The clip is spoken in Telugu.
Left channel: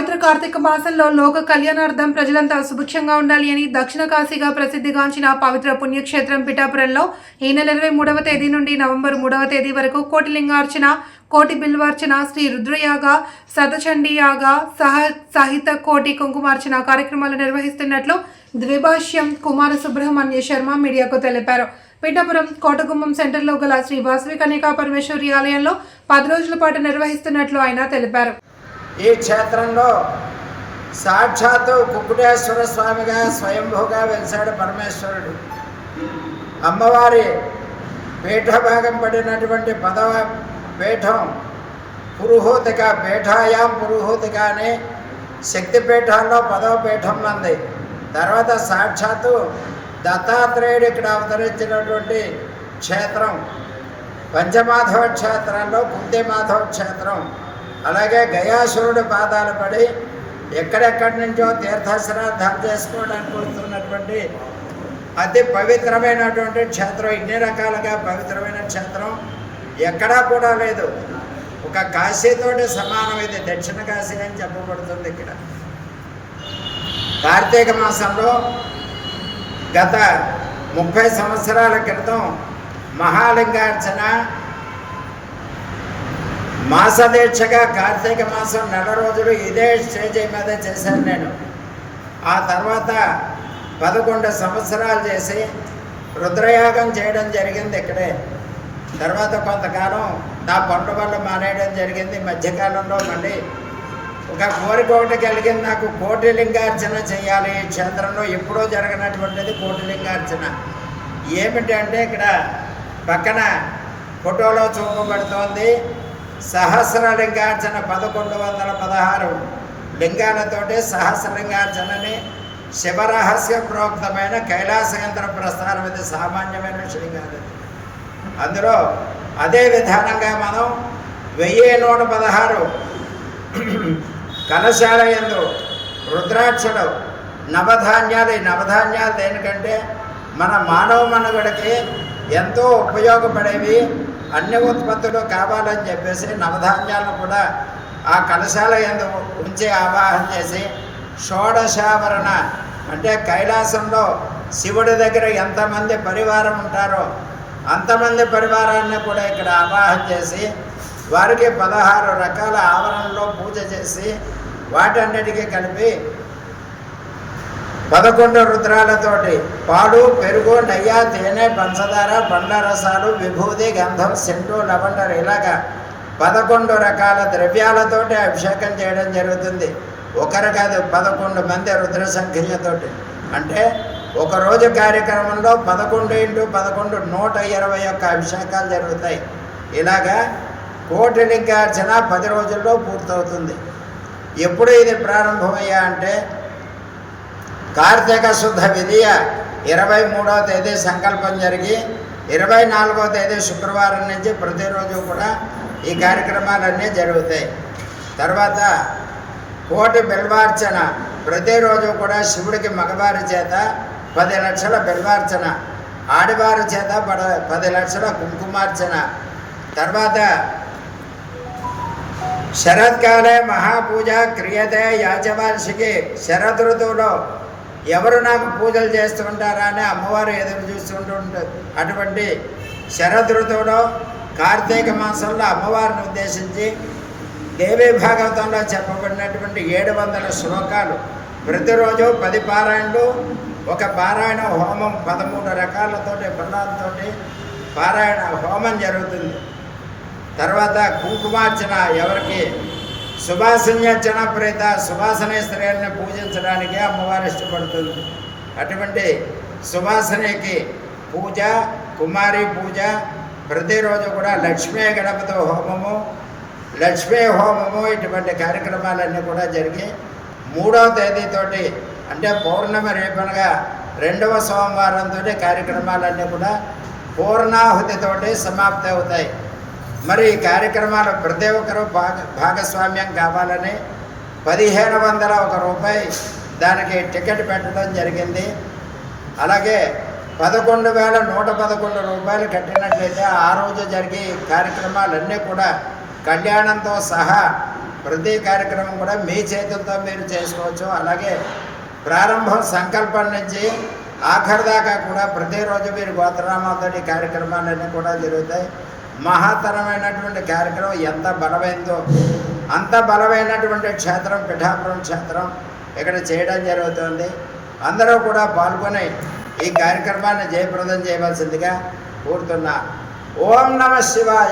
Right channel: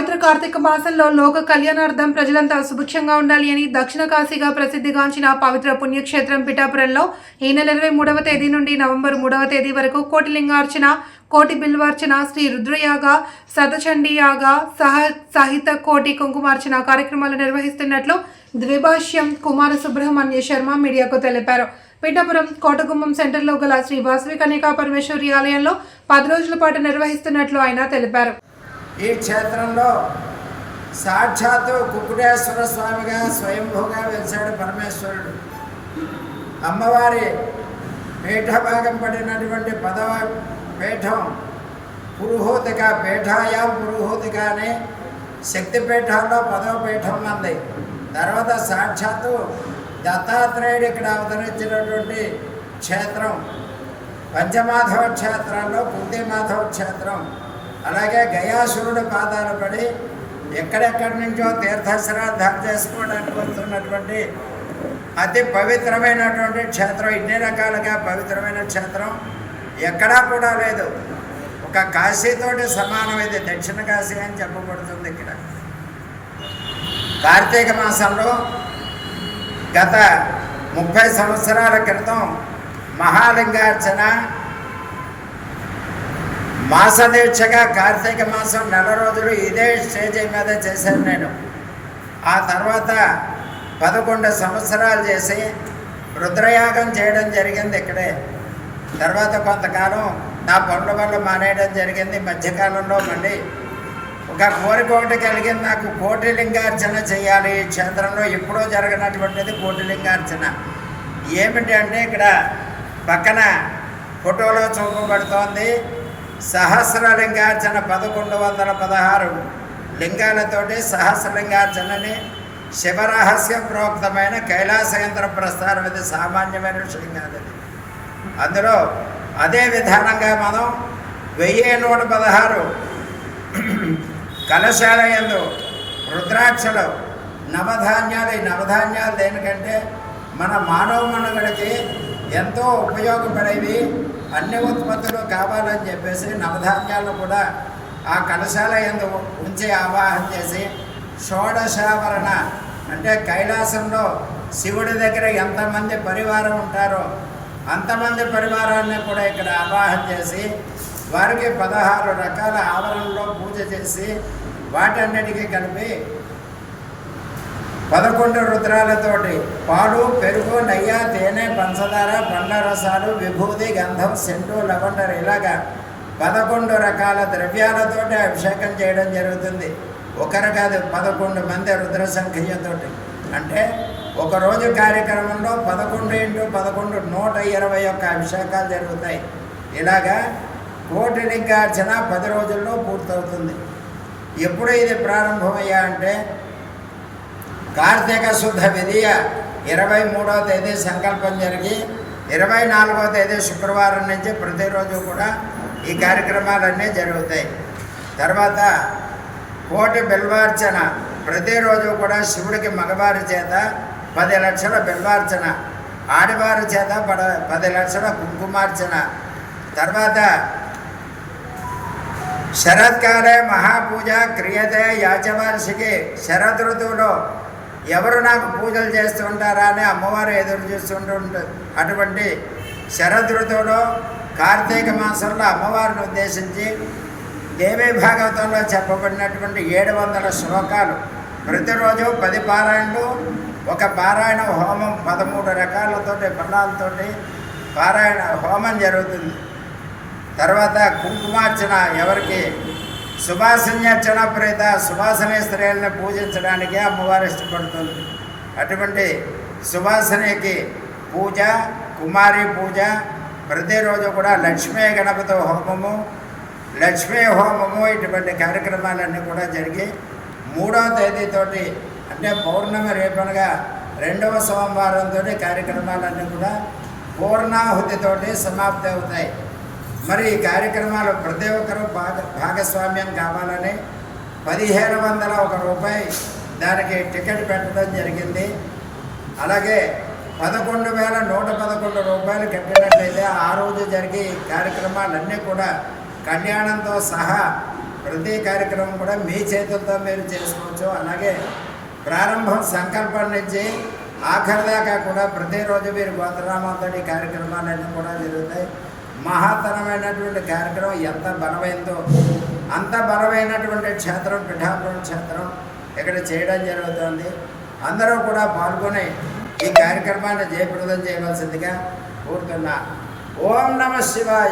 పవిత్ర కార్తీక మాసంలో లోక కళ్యాణార్థం ప్రజలంతా సుభిక్షంగా ఉండాలి అని దక్షిణ కాశీగా ప్రసిద్ధిగాంచిన పవిత్ర పుణ్యక్షేత్రం పిఠాపురంలో ఈ నెల ఇరవై మూడవ తేదీ నుండి నవంబర్ మూడవ తేదీ వరకు కోటిలింగార్చన కోటి బిల్వార్చన శ్రీ రుద్రయాగ సతచండీయాగ సహ సహిత కోటి కుంకుమార్చన కార్యక్రమాలు నిర్వహిస్తున్నట్లు ద్విభాష్యం కుమార సుబ్రహ్మణ్య శర్మ మీడియాకు తెలిపారు. పిఠాపురం కోటగుమ్మం సెంటర్లో గల శ్రీ వాసవి కన్యకా పరమేశ్వరి ఆలయంలో పది రోజుల పాటు నిర్వహిస్తున్నట్లు ఆయన తెలిపారు. ఈ క్షేత్రంలో సాక్షాత్తు కుక్కుటేశ్వర స్వామిగా స్వయంభూగా వెలిసాడు పరమేశ్వరుడు. అమ్మవారి పీఠభాగం పడినటువంటి పదవ పీఠం పురుహూతిక పీఠాయాం పురుహూతిక అనే శక్తిపీఠాల్లో పదవ పీఠం మంది తర్వాత సాక్షాత్తు దత్తాత్రేయుడు ఇక్కడ అవతరించినటువంటి క్షేత్రం పంచమాధవ క్షేత్రంలో కుంతిమాధవ క్షేత్రం. అలాగే గయాసురుడు పాదాలు పడి ఎక్కడెక్కడి నుంచో తీర్థశ్రాద్ధాలు చేసుకోవడానికి వస్తున్నటువంటి అతి పవిత్రమైనటువంటి క్షేత్రం ఇన్ని రకాలుగా పవిత్రమైన క్షేత్రం ఎక్కడా కూడా లేదు. ఒక కాశీతోటి సమానం ఇది. దక్షిణ కాశీ అని చెప్పబడుతుంది ఇక్కడ. కార్తీక మాసంలో గత ముప్పై సంవత్సరాల క్రితం మహాలింగార్చన మాసదీక్షగా కార్తీక మాసం నెల రోజులు ఇదే స్టేజ్ మీద చేశాను నేను. ఆ తర్వాత పదకొండు సంవత్సరాలు చేసి రుద్రయాగం చేయడం జరిగింది ఇక్కడే. తర్వాత కొంతకాలం నా పనుల వల్ల మానేయడం జరిగింది. మధ్యకాలంలో మళ్ళీ ఒక కోరిక ఒకటి కలిగింది. నాకు కోటి లింగార్చన చేయాలి. ఈ క్షేత్రంలో ఎప్పుడో జరగనటువంటిది కోటి లింగార్చన ఏమిటి అంటే ఇక్కడ పక్కన ఫోటోలో చూపబడుతోంది. సహస్ర లింగార్చన పదకొండు వందల పదహారు. లింగాలతోటి సహస్రలింగార్చనని శివరహస్య ప్రోక్తమైన కైలాసయంత్ర ప్రస్థానం ఇది సామాన్యమైన విషయం కాదు అందులో అదే విధానంగా మనం వెయ్యి నూట పదహారు. కలశాల యందు రుద్రాక్షలు నవధాన్యాలు ఈ నవధాన్యాలు దేనికంటే మన మానవ మనుగడకి ఎంతో ఉపయోగపడేవి అన్ని ఉత్పత్తులు కావాలని చెప్పేసి నవధాన్యాలను కూడా ఆ కలశాల ఎందు ఉంచి ఆవాహన చేసి షోడశావరణ అంటే కైలాసంలో శివుడి దగ్గర ఎంతమంది పరివారం ఉంటారో అంతమంది పరివారాన్ని కూడా ఇక్కడ ఆవాహన చేసి వారికి పదహారు రకాల ఆవరణలో పూజ చేసి వాటన్నిటికీ కలిపి పదకొండు రుద్రాలతోటి పాలు పెరుగు నయ్య తేనె పంచదార పండ్ల రసాలు విభూతి గంధం సెంటు లవండర్ ఇలాగా పదకొండు రకాల ద్రవ్యాలతోటి అభిషేకం చేయడం జరుగుతుంది. ఒకరు కాదు పదకొండు మంది రుద్ర సంఖ్యతోటి. అంటే ఒకరోజు కార్యక్రమంలో పదకొండు ఇంటూ పదకొండు నూట ఇరవై ఒక్క అభిషేకాలు జరుగుతాయి. ఇలాగా కోటి లింగార్చన పది రోజుల్లో పూర్తవుతుంది. ఎప్పుడు ఇది ప్రారంభమయ్యా అంటే కార్తీక శుద్ధ విధియ ఇరవై మూడవ తేదీ సంకల్పం జరిగి ఇరవై నాలుగవ తేదీ శుక్రవారం నుంచి ప్రతిరోజు కూడా ఈ కార్యక్రమాలన్నీ జరుగుతాయి. తర్వాత కోటి బిల్వార్చన ప్రతిరోజు కూడా శివుడికి మగవారి చేత పది లక్షల బిల్వార్చన ఆడవారి చేత పద పది లక్షల కుంకుమార్చన. తర్వాత శరత్కాలే మహాపూజ క్రియతే యాచవార్షికి శరద్ ఋతువులో ఎవరు నాకు పూజలు చేస్తుంటారా అని అమ్మవారు ఎదురు చూస్తుంటూ ఉంటుంది అటువంటి శరద్ కార్తీక మాసంలో అమ్మవారిని ఉద్దేశించి దేవీ భాగవతంలో చెప్పబడినటువంటి ఏడు వందల శ్లోకాలు. ప్రతిరోజు పది పారాయణలు ఒక పారాయణ హోమం పదమూడు రకాలతోటి బలాలతోటి పారాయణ హోమం జరుగుతుంది. తర్వాత కుంకుమార్చన ఎవరికి సుభాషణ్యర్చన చనప్రేత సుభాషణ స్త్రీలను పూజించడానికి అమ్మవారు ఇష్టపడుతుంది. అటువంటి సుభాసనేకి పూజ కుమారి పూజ ప్రతిరోజు కూడా లక్ష్మీ గణపతి హోమము లక్ష్మీ హోమము ఇటువంటి కార్యక్రమాలన్నీ కూడా జరిగి మూడవ తేదీతోటి అంటే పౌర్ణమి రేపనగా రెండవ సోమవారంతో కార్యక్రమాలన్నీ కూడా పూర్ణాహుతితోటి సమాప్తి అవుతాయి. మరి ఈ కార్యక్రమాలు ప్రతి ఒక్కరూ భాగ భాగస్వామ్యం కావాలని పదిహేను వందల ఒక రూపాయి దానికి టికెట్ పెట్టడం జరిగింది. అలాగే పదకొండు వేల నూట పదకొండు రూపాయలు కట్టినట్లయితే ఆ రోజు జరిగే కార్యక్రమాలన్నీ కూడా కళ్యాణంతో సహా ప్రతి కార్యక్రమం కూడా మీ చేతులతో మీరు చేసుకోవచ్చు. అలాగే ప్రారంభం సంకల్పం నుంచి ఆఖరి దాకా కూడా ప్రతిరోజు మీరు గోత్రనామాలతో ఈ కార్యక్రమాలన్నీ కూడా జరుగుతాయి. మహాతరమైనటువంటి కార్యక్రమం ఎంత బలమైందో అంత బలమైనటువంటి క్షేత్రం పిఠాపురం క్షేత్రం ఇక్కడ చేయడం జరుగుతుంది. అందరూ కూడా పాల్గొని ఈ కార్యక్రమాన్ని జయప్రదం చేయవలసిందిగా కోరుతున్నా. ఓం నమ శివాయ.